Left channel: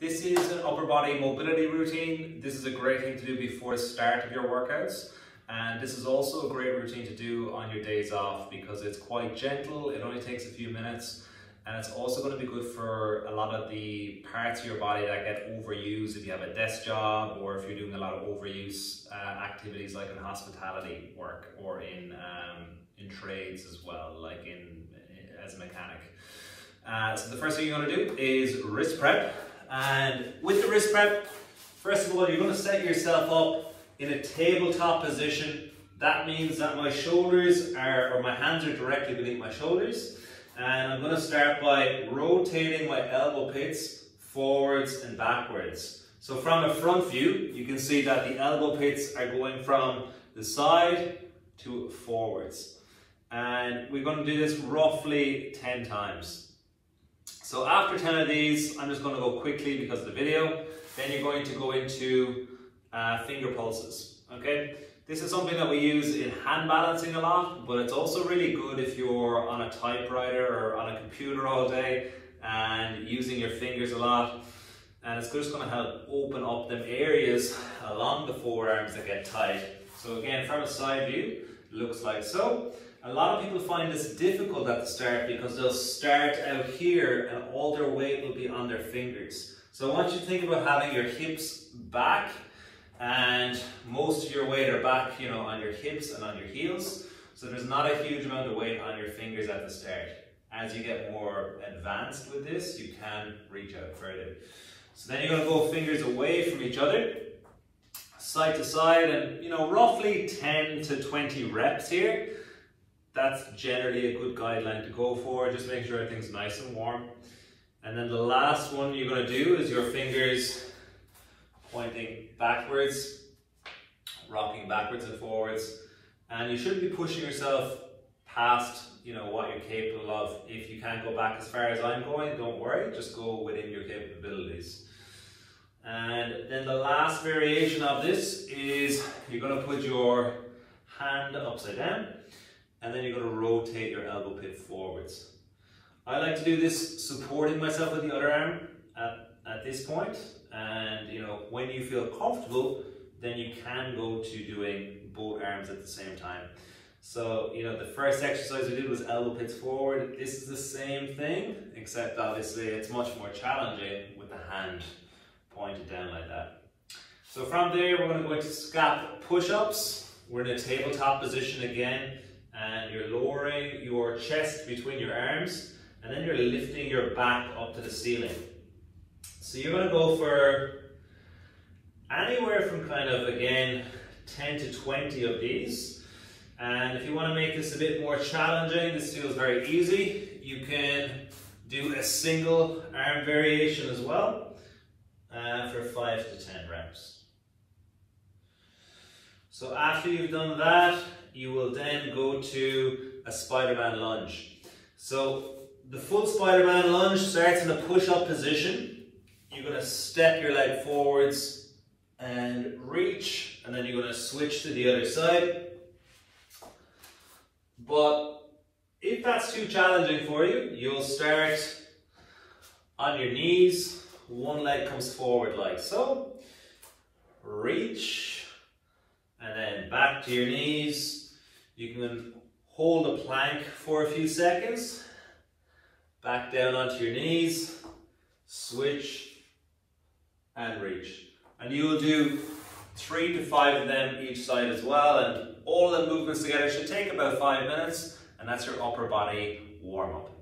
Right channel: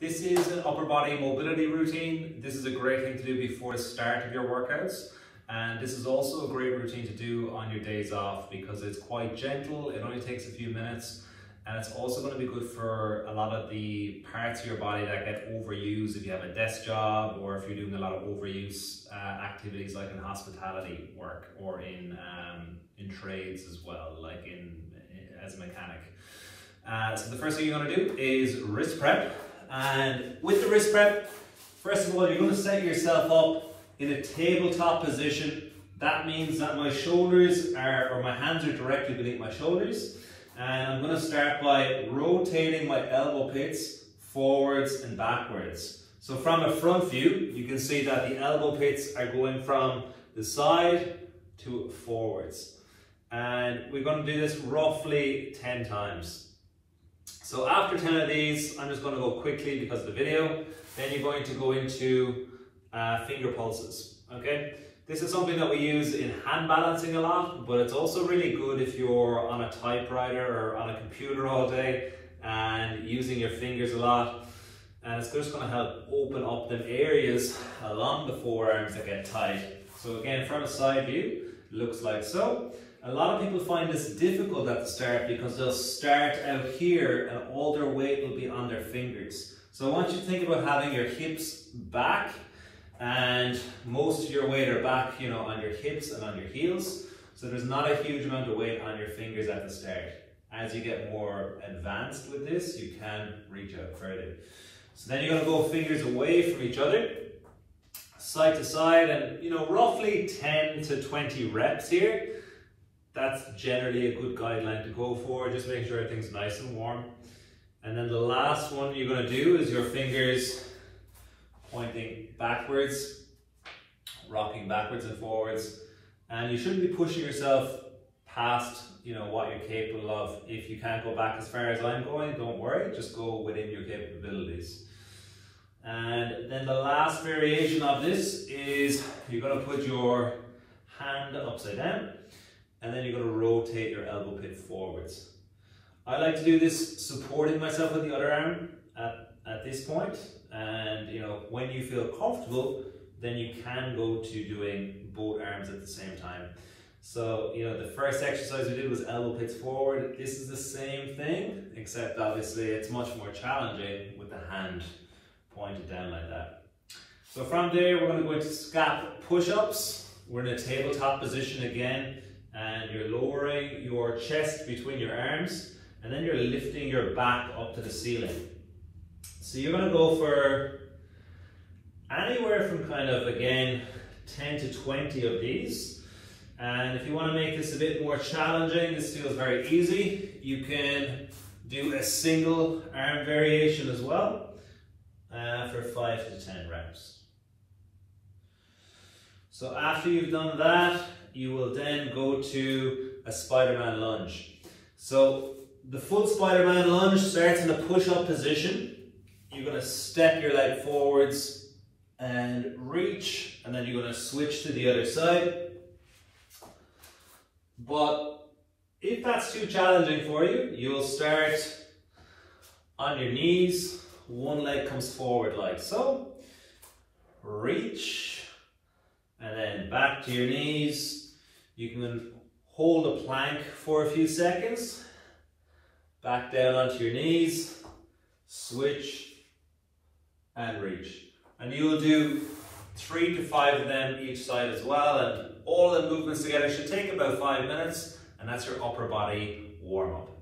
This is an upper body mobility routine. This is a great thing to do before the start of your workouts. And this is also a great routine to do on your days off because it's quite gentle, it only takes a few minutes, and it's also going to be good for a lot of the parts of your body that get overused if you have a desk job or if you're doing a lot of overuse activities like in hospitality work or in trades as well, like as a mechanic. So the first thing you're going to do is wrist prep. And with the wrist prep, first of all, you're going to set yourself up in a tabletop position. That means that my shoulders or my hands are directly beneath my shoulders. And I'm going to start by rotating my elbow pits forwards and backwards. So from a front view, you can see that the elbow pits are going from the side to forwards. And we're going to do this roughly 10 times. So after 10 of these, I'm just going to go quickly because of the video. Then you're going to go into finger pulses, okay? This is something that we use in hand balancing a lot, but it's also really good if you're on a typewriter or on a computer all day and using your fingers a lot. And it's just going to help open up them areas along the forearms that get tight. So again, from a side view, it looks like so. A lot of people find this difficult at the start because they'll start out here and all their weight will be on their fingers. So I want you to think about having your hips back and most of your weight are back, on your hips and on your heels. So there's not a huge amount of weight on your fingers at the start. As you get more advanced with this, you can reach out further. So then you're going to go fingers away from each other, side to side, and roughly 10 to 20 reps here. That's generally a good guideline to go for. Just make sure everything's nice and warm. And then the last one you're going to do is your fingers pointing backwards, rocking backwards and forwards. And you shouldn't be pushing yourself past what you're capable of. If you can't go back as far as I'm going, don't worry, just go within your capabilities. And then the last variation of this is you're going to put your hand upside down and then you're going to rotate your elbow pit forwards. I like to do this supporting myself with the other arm at this point. And when you feel comfortable, then you can go to doing both arms at the same time. So the first exercise we did was elbow pits forward. This is the same thing, except obviously it's much more challenging with the hand pointed down like that. So from there, we're going to go into scap push-ups. We're in a tabletop position again, and you're lowering your chest between your arms, and then you're lifting your back up to the ceiling. So you're going to go for anywhere from again, 10 to 20 of these. And if you want to make this a bit more challenging, this feels very easy, you can do a single arm variation as well for 5 to 10 reps. So after you've done that, you will then go to a Spider-Man lunge. So the full Spider-Man lunge starts in a push-up position. You're going to step your leg forwards and reach, and then you're going to switch to the other side. But if that's too challenging for you, you'll start on your knees. One leg comes forward like so. Reach, and then back to your knees. You can hold a plank for a few seconds. Back down onto your knees. Switch and reach. And you will do 3 to 5 of them each side as well, and all the movements together should take about 5 minutes, and that's your upper body warm-up.